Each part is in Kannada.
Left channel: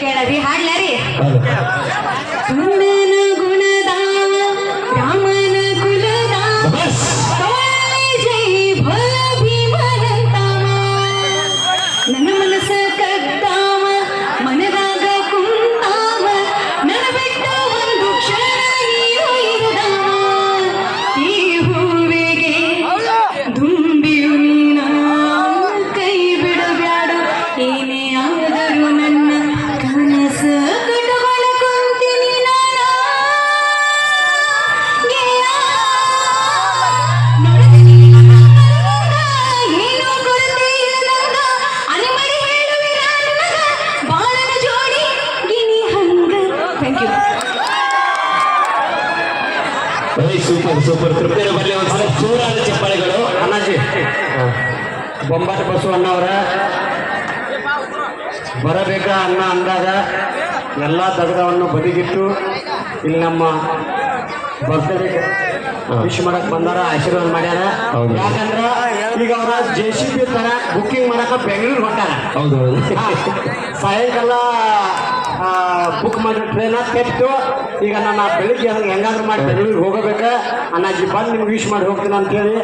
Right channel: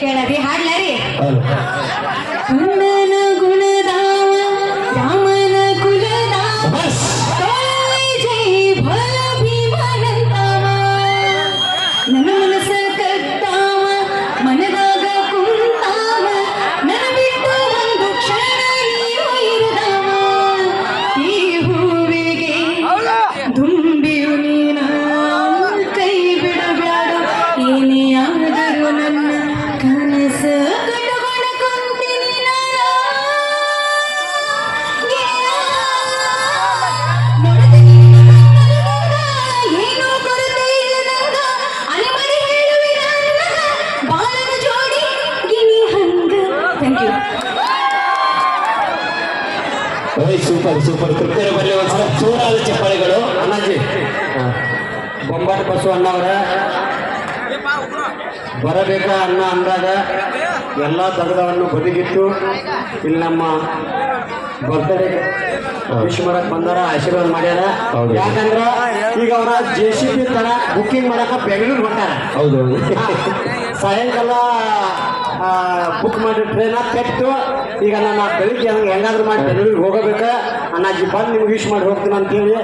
ಕೇಳರಿ ಹಾಡ್ಲಾರಿ? ಎಲ್ಲ ತಗದವನ್ನು ಬದಿಗಿಟ್ಟು ಇಲ್ಲಿ ನಮ್ಮ ಭಕ್ತರಿಗೆ ವಿಶ್ ಮಾಡಕ್ ಬಂದಾರ ಆಶೀರ್ವಾದ ಮಾಡ್ಯಾರ. ಹೌದು. ಯಾಕಂದ್ರ ಈಗ ಅವರ ಜೆ ಸಿ ಬಿ ತರ ಬುಕ್ಕಿಂಗ್ ಮಾಡಕ ಬೆಂಗಳೂರು ಹೊಟ್ಟಾರ ಹೌದು ಸಾಯಂಕಾಲ ಬುಕ್ ಮಾಡಿ ಟ್ರೈನ್ ಕೆಟ್ಟು ಈಗ ನಾನು ಬೆಳಿಗ್ಗೆ ಹಂಗೆ ಹೆಂಗಾದ್ರೂ ಮಾಡಿ ಬೆಂಗಳೂರಿಗೆ ಹೋಗಬೇಕ. ಅಣ್ಣಾಜಿ ಬಂದು ನಿಮ್ಗೆ ವಿಶ್ ಮಾಡಿ ಹೋಗ್ತೀನಿ ಅಂತೇಳಿ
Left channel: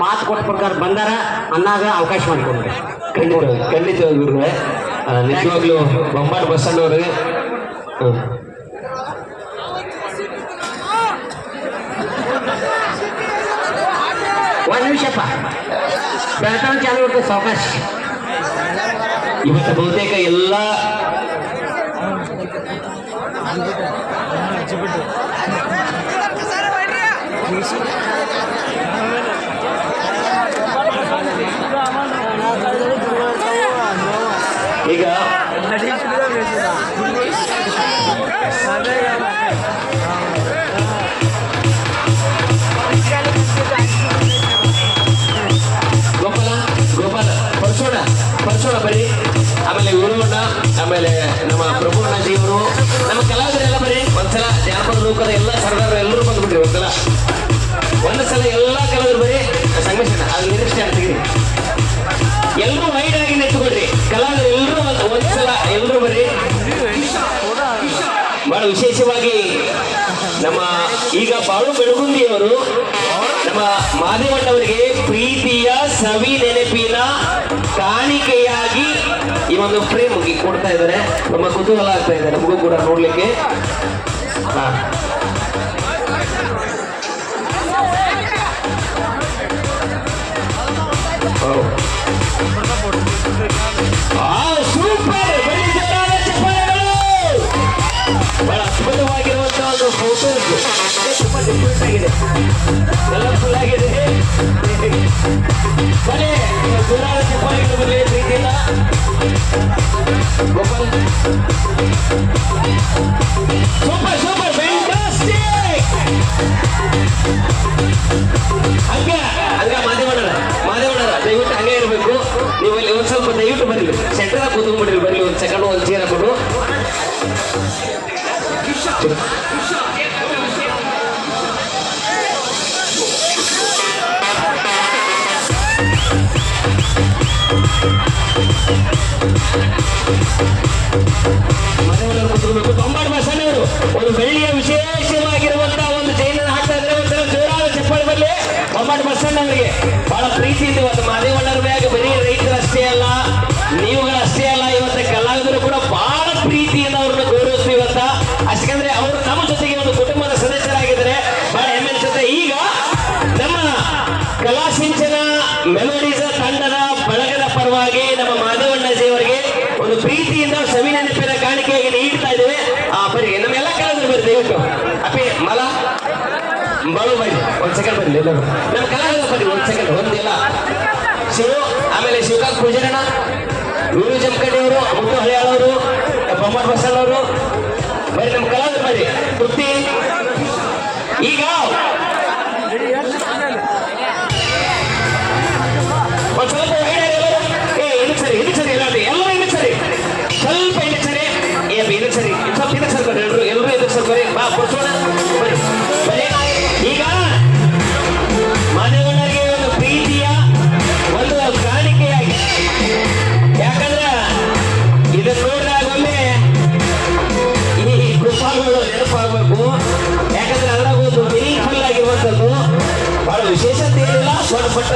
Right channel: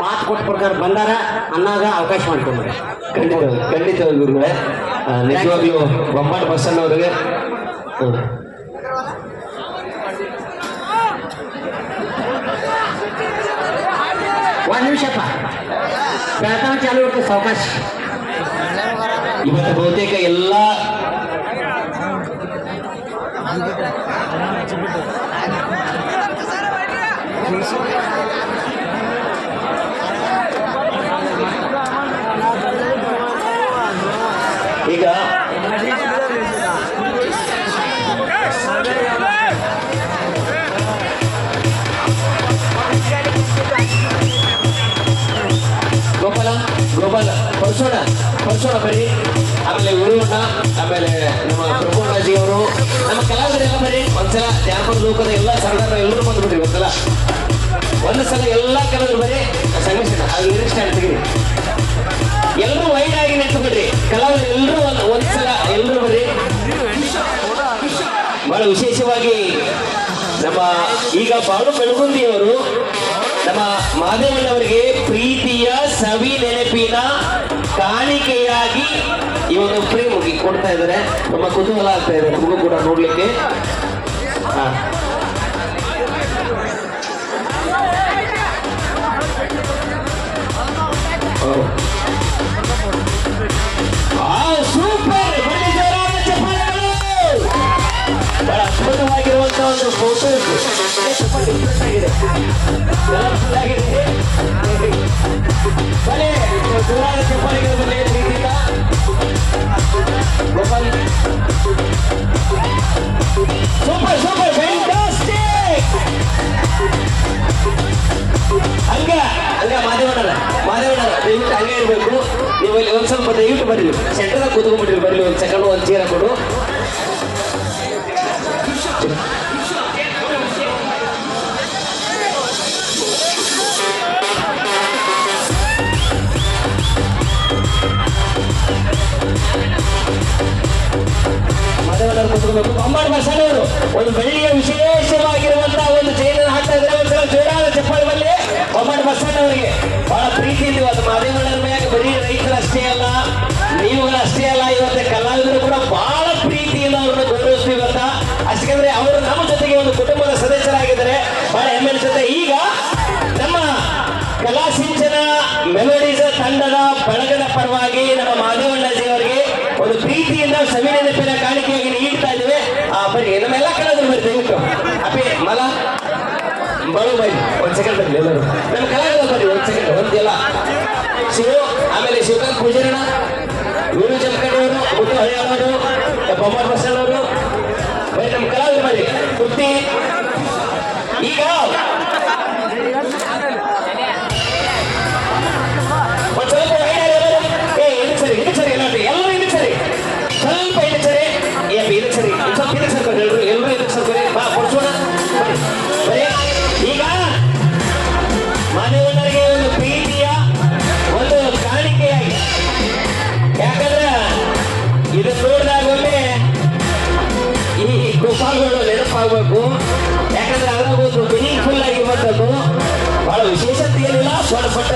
ಮಾತು ಕೊಟ್ಟು ಪ್ರಕಾರ ಬಂದಾರ. ಅನ್ನಾಗ ಅವಕಾಶ ಮಾಡ್ಕೊಂಡ್ರೆ. ಖಂಡಿತ ಖಂಡಿತ ಗುರುಗಳೇ. ನಿಜವಾಗ್ಲೂ ಬೊಮ್ಮಾಟ್ ಬಸ್ ಹ್ಮ್. ಒಂದು ನಿಮಿಷಪ್ಪ ಬೆಳತನ ಚಾಲು ಇರ್ತದೆ ಸಾವಕಾಶ ಇವತ್ತು ಬಹುತೇಕ ಎಲ್ಲ ಈಗ ಒಂದು ಸಲ ಎಲ್ಲ ಕಲಾವಿದರು ಬರೀ ಸಂಗಮೇಶನ ಅದು ನಿರೀಕ್ಷೆ ಅಂತೀವಿ ಎಲ್ಲರೂ ವೈಡ್ ಆಗಿ ನಿಂತುಬಿಡ್ರಿ ಕಲಾವಿದರು ಎಲ್ಲರೂ ಒಂದು ಸಲ ಎಲ್ಲರೂ ಬರೀ ಬಹಳ ವಿಶೇಷವಾಗಿ ನಮ್ಮ ಈಗ ಬಾಳು ಬೆಳಗುಂದಿಯವರು ನಮ್ಮ ಮಾದೇವಣ್ಣವರಿಗೆ ಪ್ರೀತಿಯ ಸವಿ ನೆನಪಿನ ಕಾಣಿಕೆಯಾಗಿ ಈ ಒಂದು ಫ್ರೇಮ್ ಕೊಡ್ತಾ ಇದ್ದಾರೆ. ತುಂಬ ಕುತೂಹಲ ಆಗ್ತಾ ಇದೆ. ನಿಮಗೂ ಕೂಡ ನೋಡ್ಲಿಕ್ಕೆ. ಹಾ. ಹೌದು. ಆ, ಸೂಪರ್ ಬನ್ನಿ ಜೋರಾದ ಚಪ್ಪಾಳೆಗಳು ಬಹಳ ಅದ್ಭುತವಾಗಿರುವಂತಹ ಒಂದು ಫೋಟೋಸ್ ಆಗಿದೆ ಫುಲ್ ಆಗಿದೆ ಬನ್ನಿ ಜೋರಾದ ಚಪ್ಪಾಳೆಗಳು ಬರಲಿ ಪ್ರೀತಿಯಿಂದ ಗೋಪಾಲ್ ಸೂಪರ್ ಸೂಪರ್ ಫ್ಯಾಂಟಾಸ್ಟಿಕ್ ಬೊಂಬಾಟ್ ಬಸಣ್ಣವರು ಒಂದು ಬೆಳ್ಳಿಯ ವಿಶೇಷವಾಗಿರುವಂತಹ ಒಂದು ಚೈನ ಹಾಕ್ತಾ ಇದ್ದಾರೆ ಒಂದ್ಸಲ ಜೋರಾದ ಚಪ್ಪಾಳೆ ಬರಲಿ ಬಸಣ್ಣವರಿಗೆ ಬಹಳ ಪ್ರೀತಿಯಿಂದ ಇವತ್ತು ಮಾದೇವಣ್ಣರ ಬರೀ ರೈತರು ಅಷ್ಟೇ ಅಲ್ಲ ನೀವುಗಳು ಅಷ್ಟೇ ಅಲ್ಲ ಇವತ್ತು ಕಲಾವಿದರು ಕೂಡ ಬಹಳ ಬನ್ನಿ ನಮ್ಮ ಕಲಾವಿದರು ಬರ್ರಿ ಒಂದ್ ಸೆಕೆಂಡ್ ಒಂದಿಲ್ಲ ಶಿವ ಆಮೇಲೆ ಶಿವಕಾಂತ್ ಪೂಜಾರಣ ವೀರು ಜಮಖಂಡಿ ಅವರು ಮುಟ್ಟು ಹಳೆಯವರು ಬಸಣ್ಣವರು ಬರೀ ನಮ್ಮ ಕಲಾವಿದರು ಬರ್ರಿ ಕುರ್ತಿ ಆಗಬೇಕು. ಯಾಕಂದ್ರೆ ಅದ್ರಾಗ ಒಂದು ಮೀನಿಂಗ್ಫುಲ್ ಆಗಿರುವಂಥದ್ದು ಬಹಳ ವಿಶೇಷತೆ ಏನಿಲ್ಲ ಸ್ವಲ್ಪ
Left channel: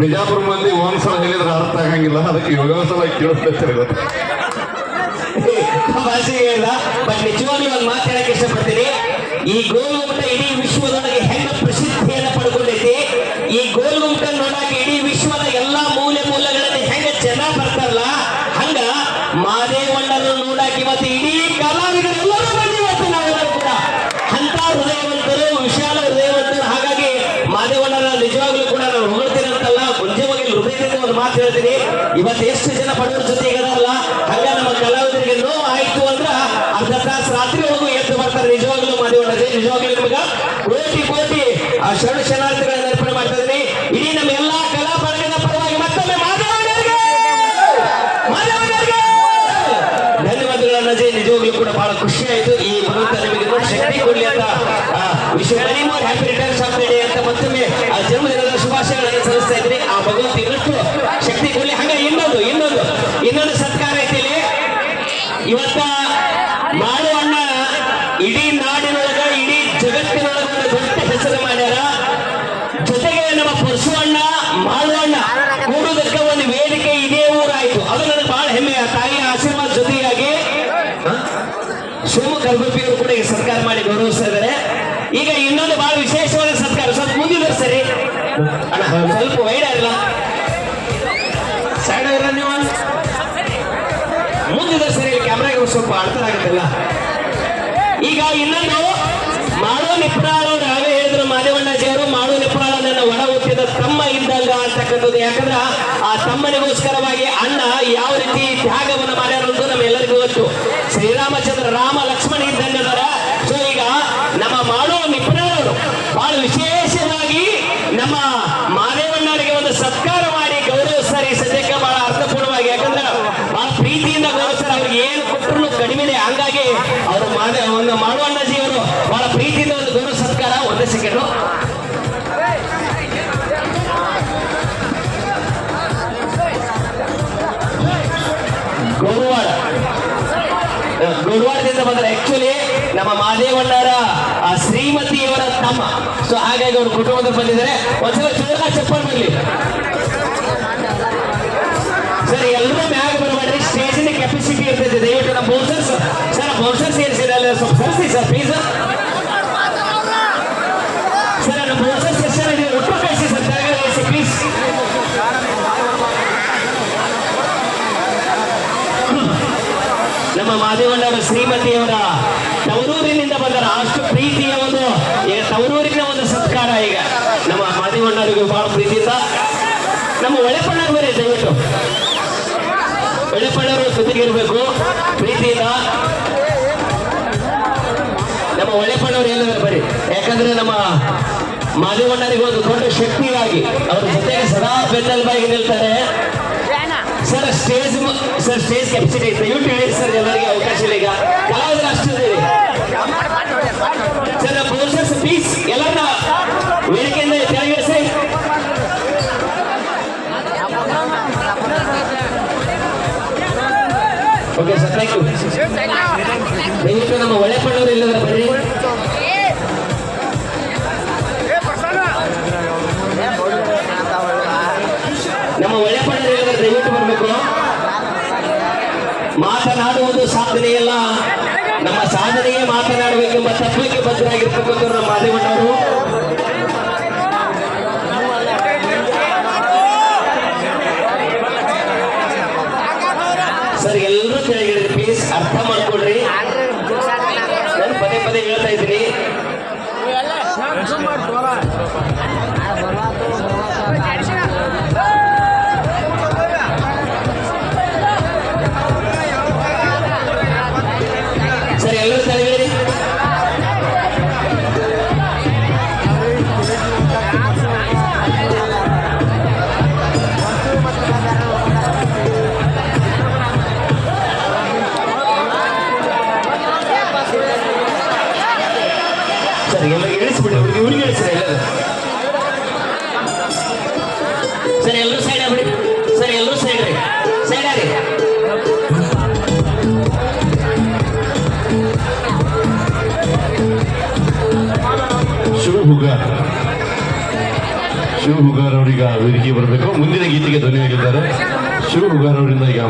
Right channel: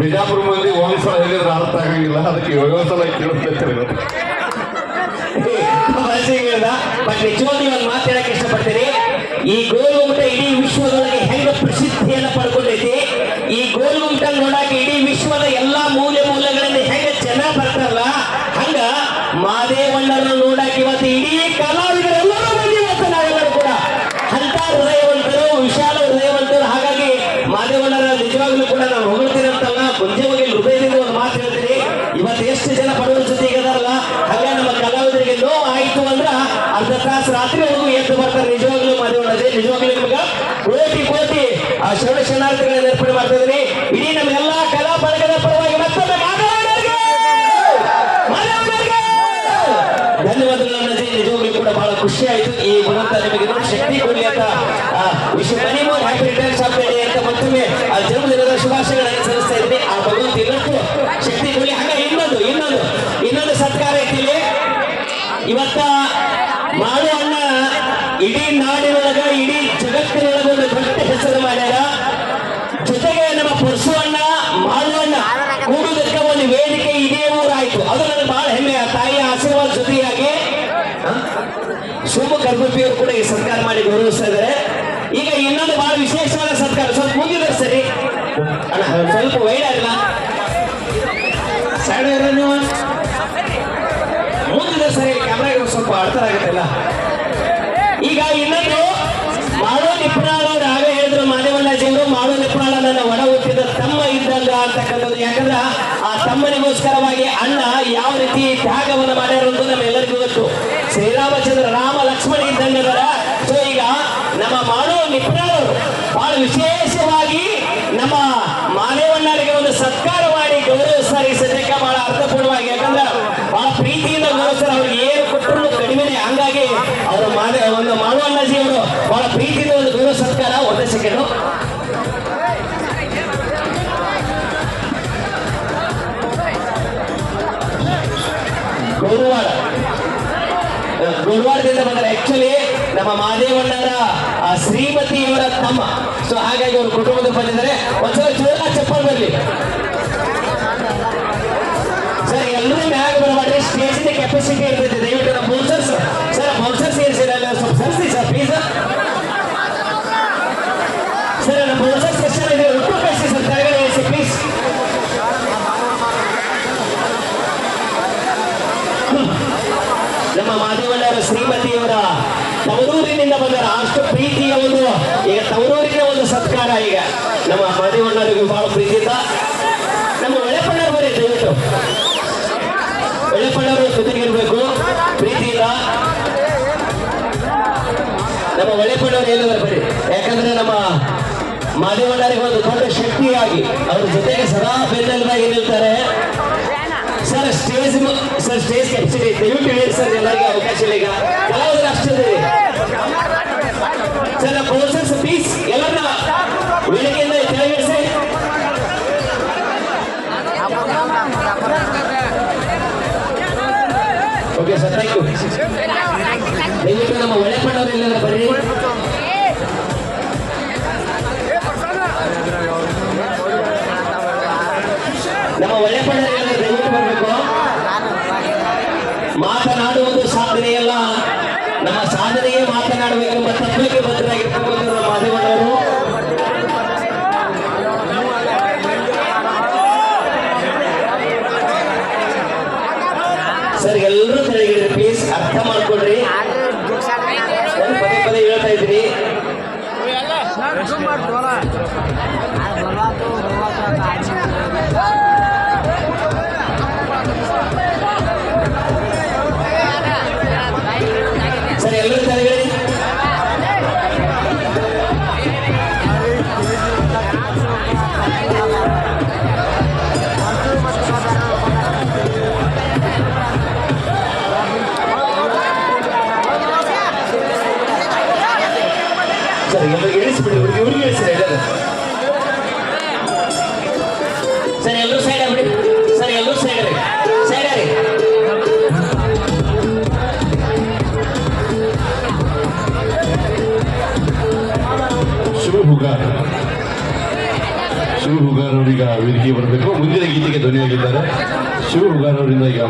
ಬಿಜಾಪುರ ಮಂದಿ ಒಂದ್ಸಲ ಹೇಳಿದ್ರೆ ಅರ್ಥ ಆಗಂಗಿಲ್ಲ ಅದಕ್ಕೆ ಏಳೋ ಸಲ ಕೇಳಿಸ್ತಿರ್ತಾರೆ ಬಟ್ ನಿಜವಾಗ್ಲೂ ಇಷ್ಟ ಇಷ್ಟಪಡ್ತೀನಿ ಈ ಗೋವು ಅಂತ ಇಡೀ శనాద్రి ಉಡುಪಿಯವರು ಕೂಡ ಈ ಸತ್ಕಾರ ಮಾಡಿ ಗೌರವಿಸ್ತಾ ಇದ್ದಾರೆ. ಈಗ ಇನ್ನೊಂದು ಬಹಳ ವಿಶೇಷವಾದ ಸತ್ಕಾರ. ಸ್ವಲ್ಪ ಮುಂದಿನ ಸರಿ ಸ್ವಲ್ಪ ವೈಡ್ ಆಗಿಲ್ಲ ಸೈಡ್ ಆಗಿಲ್ಲ ನೀವು? ಮುಂದಿನ ಸರಿ ಕ್ಯಾಮ್ರಾಗ ಸ್ವಲ್ಪ ಅಡ್ತರಾಗುತ್ತಲ್ಲ ಈಗ ಇನ್ನೊಂದು ಸೊ ಹಾಗಾಗಿ ಅವರು ಕುಟುಂಬದಲ್ಲಿ ಬಂದಿದ್ದಾರೆ ಒಂದ್ಸ ಇರಬೇಕು. ಪ್ರೀತಿಯಿಂದ. ನಮ್ಮ ಒಳ್ಳೆಪಣ್ಣವ್ರು ಹೇಳಿದ್ರೆ ಬರೀ ಯಾಕಂದ್ರೆ ನಮ್ಮ ಮಾದೇವಣ್ಣರಿಗೆ ಒಂದು ದೊಡ್ಡ ಶಕ್ತಿಯಾಗಿ ಅವ್ರ ಜೊತೆಗೆ ಸದಾ ಬೆನ್ನೆಲುಬಾಗಿ ನಿಲ್ತಾರೆ. Sir stage sir stage capacity ದಯವಿಟ್ಟು ಹೇಳಿ ಸರ್, ಎಲ್ಲ ಸರ್ ಥ್ಯಾಂಕ್ ಯು ನಮ್ಮ ನಮ್ಮ ದಯವಿಟ್ಟು ಸರ್ ಎಲ್ಲರೂ ಕೆಳಗಿಡ್ರಿ ಪ್ಲೀಸ್ ಅರ್ಥ ಮಾಡ್ಕೊಡ್ರಿ ಪದೇ ಹೇಳ್ತಾ ಇದ್ರಿ ಬರ್ಬಾತು ಬರ್ಬಾತು ಸರ್ ಎಲ್ಲರೂ ಸೈಡ್ ಸರ್ ಎಲ್ಲರೂ ಸೈಡ್ ವೇದಿಕೆ ಬರಬೇಕು. ಮುಂದಿನ ಗೀತೆಗೆ ಧ್ವನಿಯಾಗಿದ್ದಾರೆ. ಶಿವಹುಗಾರ್ ಅವರಿಂದ ಈಗ